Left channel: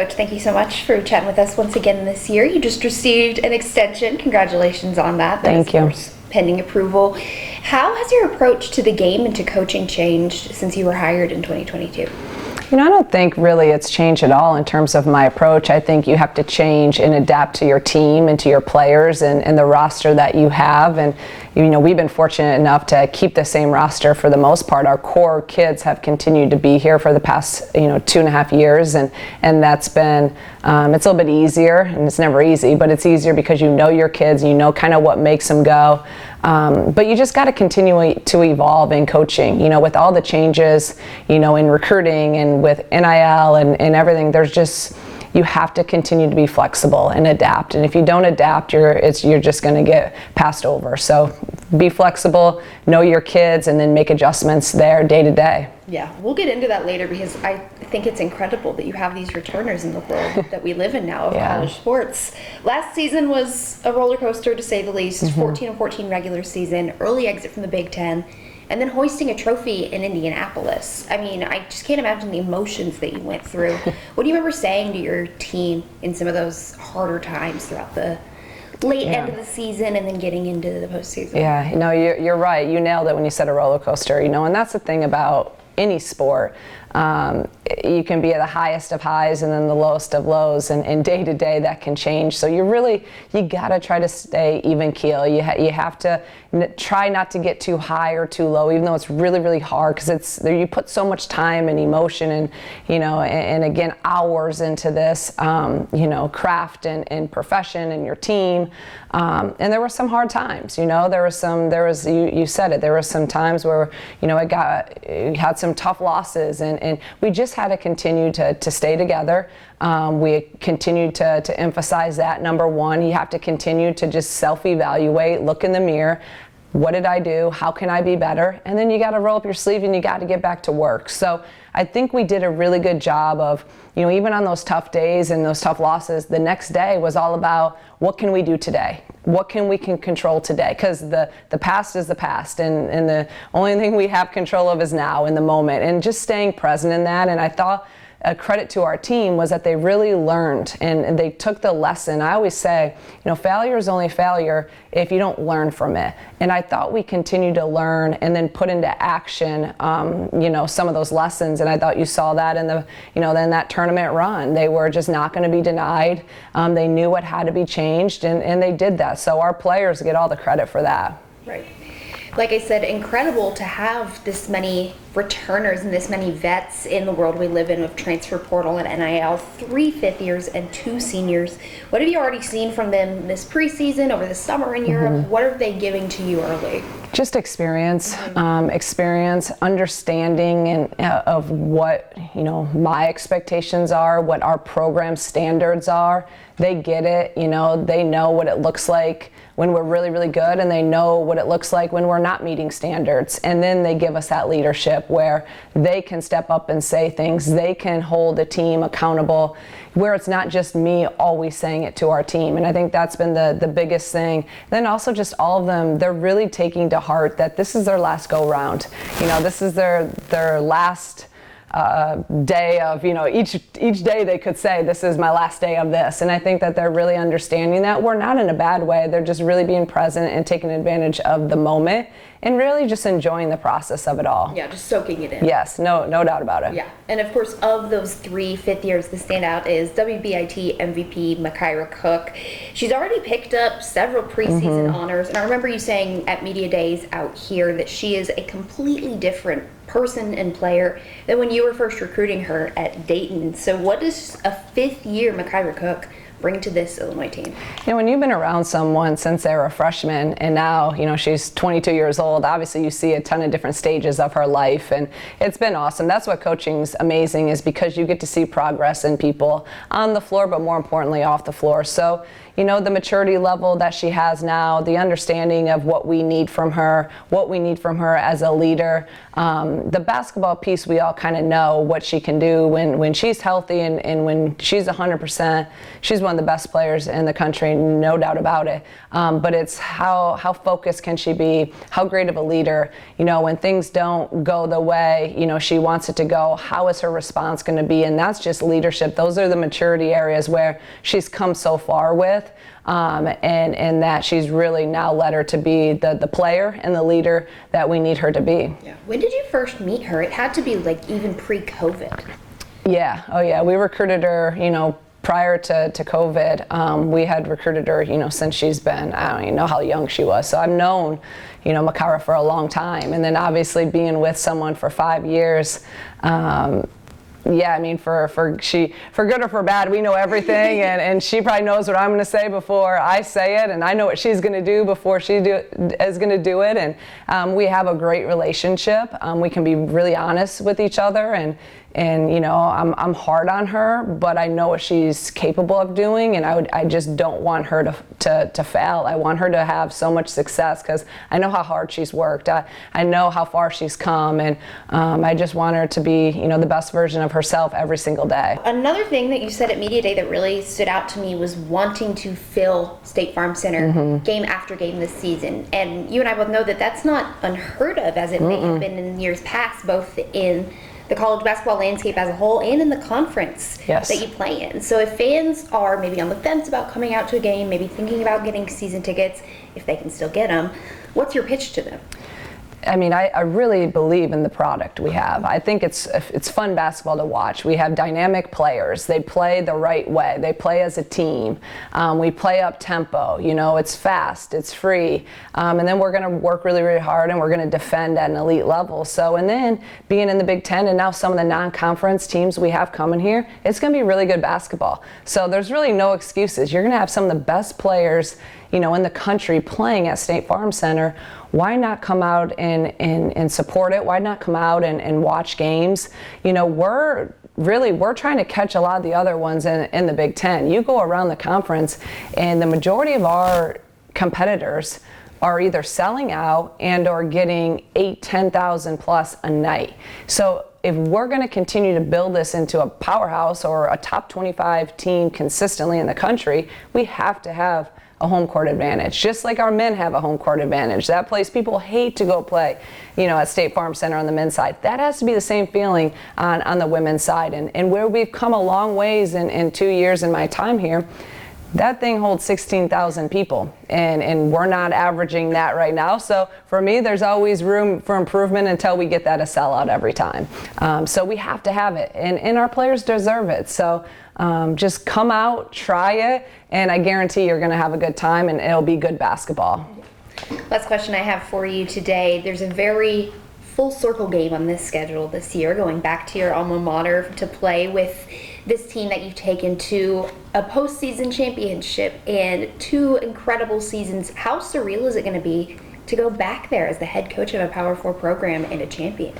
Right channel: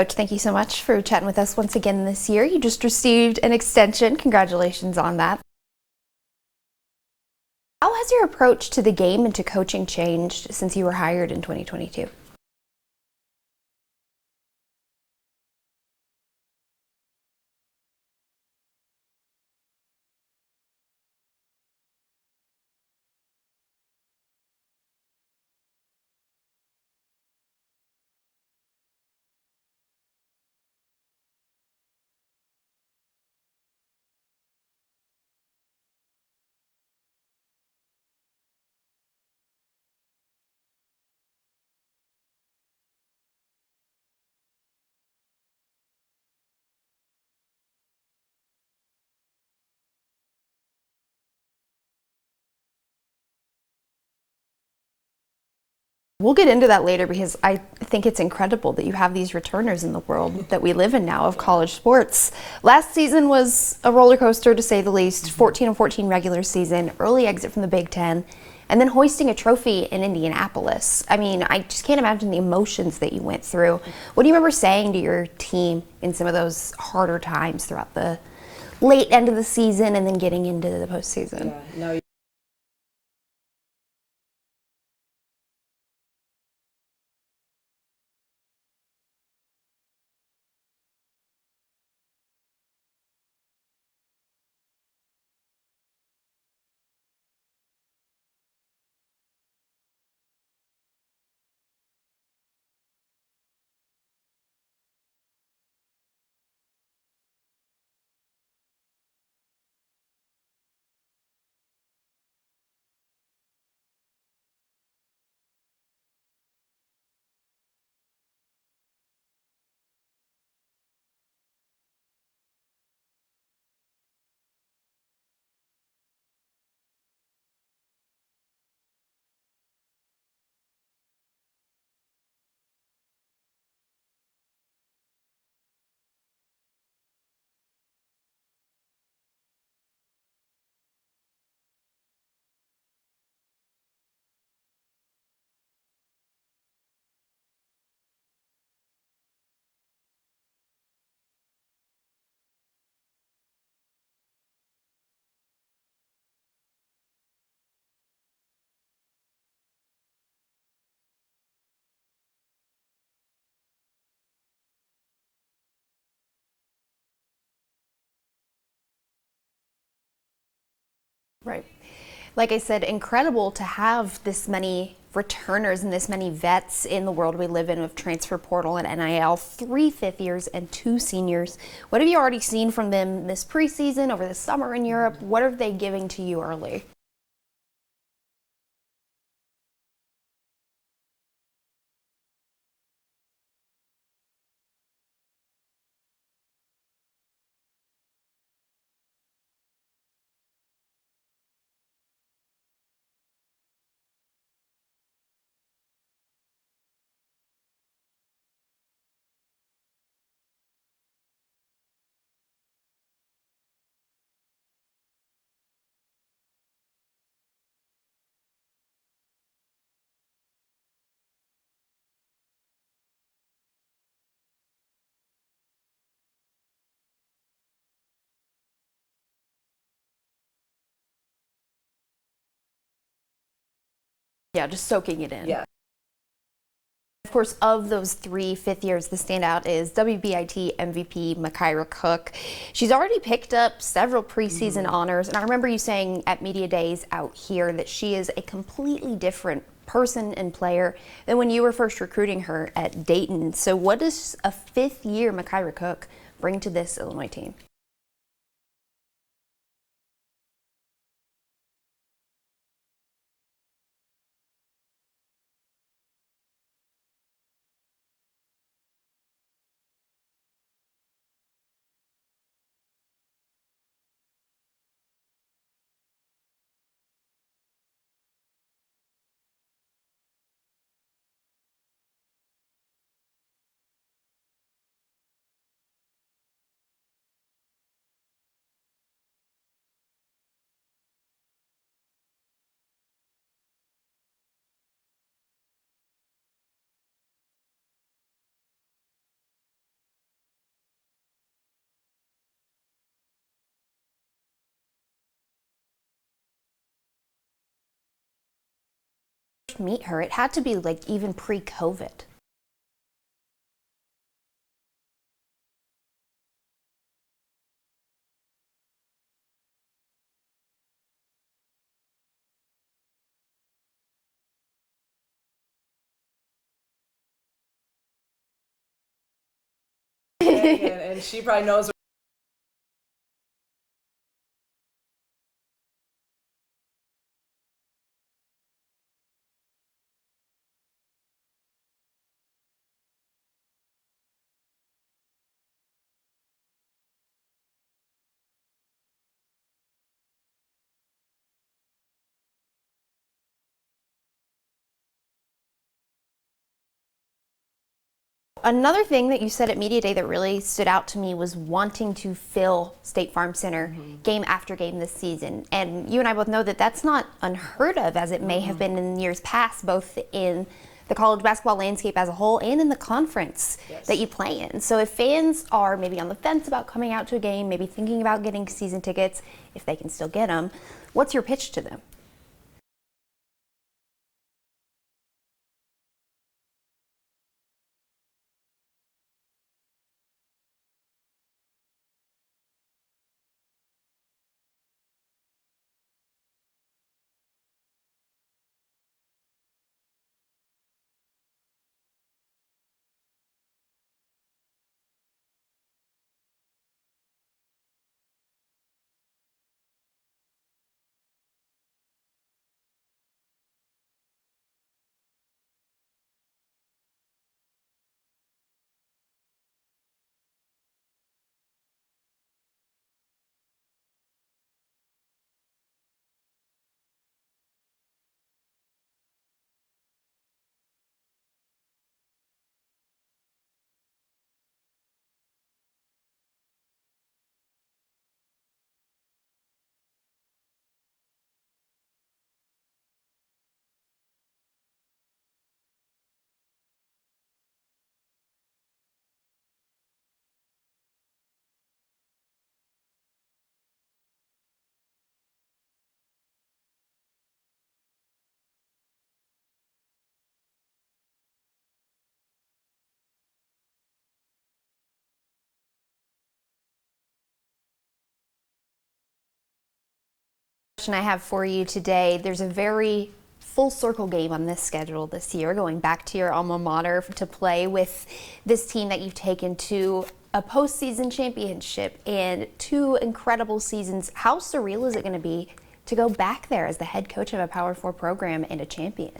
Coach, thank you so much for chatting with us once again this year. You just received an extension. Congratulations on that. Thank you. Pending approval. How has your approach to the game and to coaching changed since you were hired in 2022? I don't think really it's changed at all in terms of my approach. I think you have to change and adapt to your team and to your players and the roster that you have. And, we've been fortunate enough to keep the same roster for the most part. Our core kids have continued to be here for the past, 2.5 years. And that's been, it's a little bit easier, and it's never easy, but it's easier because you know your kids, you know kind of what makes them go. But you just got to continue to evolve in coaching, with all the changes, in recruiting and with NIL and everything. You have to continue to be flexible and adapt. And if you don't adapt, you're just going to get passed over. So be flexible, know your kids, and then make adjustments there day to day. Yeah, we'll get into that later because I think it's incredible that you have these returners in the world that we live in now of college sports. Last season was a roller coaster to say the least. 14-14 regular season, early exit from the Big Ten, and then hoisting a trophy in Indianapolis. I mean, I just can't imagine the emotions that you went through. What do you remember saying to your team in some of those harder times throughout the late end of the season and then getting into the postseason? Yeah, you're right. You nailed it when you said a roller coaster, and that's the thing about any sport. You can be at the highest of highs and then the lowest of lows, and day to day that can change. So you gotta try to stay even keel. You have to try not to get too high or too low, even though it's really, really hard because you put so much time and emotion and, and again, hours into this, craft and profession and your team. And there were some hard times, you said it, there were some times where, it had some tough losses and we just had to continue to stay together. We continued to emphasize that. Number one, you have to continue to just self-evaluate, look in the mirror. What did I do? How can I be better? And then you got to roll up your sleeve and you got to get back to work. So I think we did a really good job of, even on those tough days and those tough losses, the next day was all about what can we do today? What can we control today? Because the past is the past, and the only thing we have control of is now, in the moment, and just staying present in that. And I thought a credit to our team was that they really learned and they took the lesson. I always say, failure is only failure if you don't learn from it. And I thought we continued to learn and then put into action, some of those lessons. And I thought you saw that in then that tournament run. They were just not going to be denied. They knew what had to be changed, and they did that. So our players get all the credit for that. Right. Like I said, incredible to have this many returners and this many vets in the world we live in with transfer portal and NIL, 3 fifth years and 2 seniors. What have you already seen from them this preseason, over the summer in Europe? What are they giving to you early? Just experience, understanding of what, my expectations are, what our program standards are. They get it, they know what it looks like when we're really, really good, and they know what it looks like when we're not meeting standards. And then they give us that leadership where they can step up and say things. They can hold a team accountable, where it's not just me always saying it to our team. And I think that's been the biggest thing. Then also just all of them, they're really taking to heart that this is their last go round. This is their last day of, each day they could say, this is my last day of this. And I think that they're really understanding that. We're not in a bad way. They're just really being present and taking advantage of the moment and really just enjoying the process of it all. Yeah, just soaking it in. Yes, no doubt about it. Yeah, and of course, of those 3 fifth years, the standout is WBIT MVP Makira Cook. She's already picked up several preseason honors, and I remember you saying at Media Days out here that she is a completely different person and player than when you were first recruiting her at Dayton. So what does a 5th year Makira Cook bring to this Illinois team? When you've been around someone since they were a freshman and now, she's 22 years old, obviously you see a ton of different stages of her life, and it's been awesome. That's what coaching's amazing, is because you get to see progress in people on the floor, but more importantly off the floor. So, the maturity level that she has now, the understanding of what we need from her as a leader, the basketball piece, we all kind of know what she can do when she's healthy and when she's 100%. She's one one of the best players in the country, no doubt about it. But it's how focused can she be? How great of a leader? You know, when things don't go the way, you know, she wants it to go, how is her response going to be? And that's just leadership. Those are the maturity areas where she's come so far with. And that she's really now led her to be the player and the leader that we need her to be. Yeah. When did you first meet her? It had to be like even pre-COVID. Yeah. Oh, yeah. We recruited her, you know, prior to COVID. We had recruited her, you know, since she's been, I don't even know how young she was. So I've known, you know, Makara for a long time. And then obviously being with someone for 5 years, yeah, I mean, for good or for bad, we know everything, and she probably knows what I'm going to say before I say it, and I know what she's going to do before she is going to do it, and we have a great relationship. We can be really honest with each other, and you know, I'm hard on her, but I know what she's capable of doing, and I just don't want her to fail. I want her to have so much success because I know how hard she's worked. I know how far she's come, and I just want her to be, you know, the best version of herself every single day. Another thing that you said at Media Day that really stood out to me was wanting to fill State Farm Center game after game this season. And you and I both know that that's not unheard of, as it may have been in years past, both in the college basketball landscape as a whole and in the conference that you play in. So if fans are maybe on the fence about coming out to a game, maybe thinking about getting season tickets, if they can still get them, what's your pitch to them? I mean, I really believe in the product we have. I think it's fun basketball to watch. We have dynamic players. They play the right way. They play as a team. We play up tempo. You know, it's fast. It's free. And then we're going to work really, really hard, and we're going to defend at an elite level. So, and then being in the Big Ten and now some of the non-conference teams we have coming here, it's going to be really good basketball. So there's really no excuses. You're going to have some of the best players, you know, in the country playing at State Farm Center. Why not come out and support it? Why not come out and watch games? You know, we're trying to catch a lot of the other ones in the Big Ten. You go around the conference, and the majority of our competitors are either selling out and or getting 10,000 plus a night. So if we're going to continue to build this into a powerhouse or a top 25 team consistently in the country, we have to have a home court advantage, just like our men have a home court advantage. That place people hate to go play, you know, at State Farm Center on the men's side. That has to be the same feeling on the women's side. And where we've come a long ways in 2 years in my time here, that thing holds 16,000 people, and we're not averaging that right now. So for me, there's always room for improvement until we get that a sellout every time. So we have to have it, and our players deserve it. So just come out, try it, and I guarantee you're going to have a good time, and it'll be good basketball. Last question I have for you today. There's a very full circle game on this schedule this year, going back to your alma mater to play with this team that you've taken to a postseason championship and 2 incredible seasons. How surreal is it going to be to go back there as the head coach of a Power 4 program and a champion?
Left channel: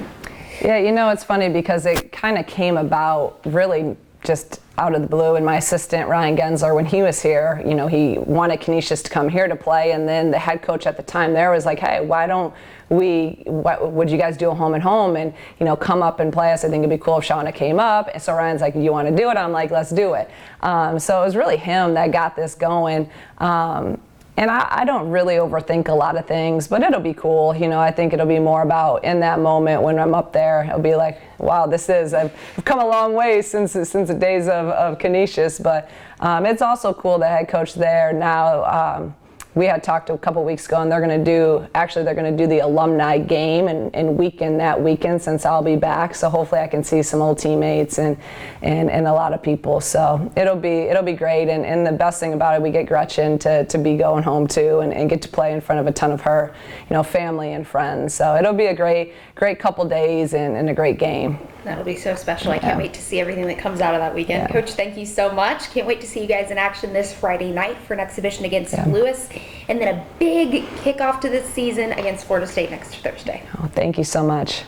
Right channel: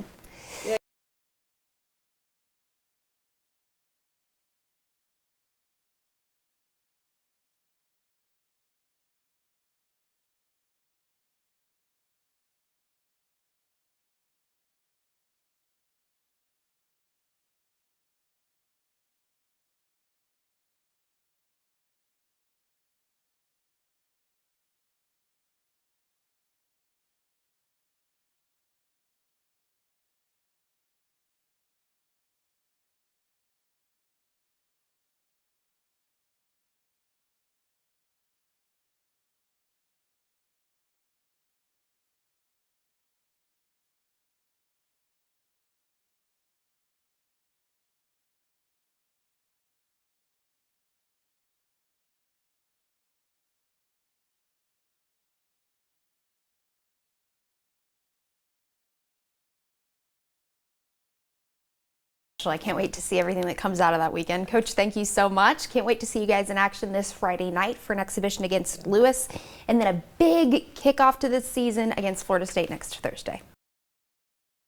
Yeah, you know, it's funny because it kind of came about really just out of the blue. And my assistant, Ryan Gensler, when he was here, you know, he wanted Canisius to come here to play. And then the head coach at the time there was like, hey, why don't would you guys do a home and home and, you know, come up and play us? I think it'd be cool if Shauna came up. And so Ryan's like, you want to do it? I'm like, let's do it. So it was really him that got this going. And I don't really overthink a lot of things, but it'll be cool. You know, I think it'll be more about in that moment when I'm up there, it'll be like, wow, I've come a long way since the days of Canisius. But it's also cool the head coach there now. We had talked a couple weeks ago, and they're going to do the alumni game and weekend that weekend since I'll be back. So hopefully I can see some old teammates and a lot of people. So it'll be great. And the best thing about it, we get Gretchen to be going home too and get to play in front of a ton of her, you know, family and friends. So it'll be a great couple days and a great game. That'll be so special. I can't wait to see everything that comes out of that weekend. Yeah. Coach, thank you so much. Can't wait to see you guys in action this Friday night for an exhibition against Lewis, and then a big kickoff to this season against Florida State next Thursday. Oh, thank you so much.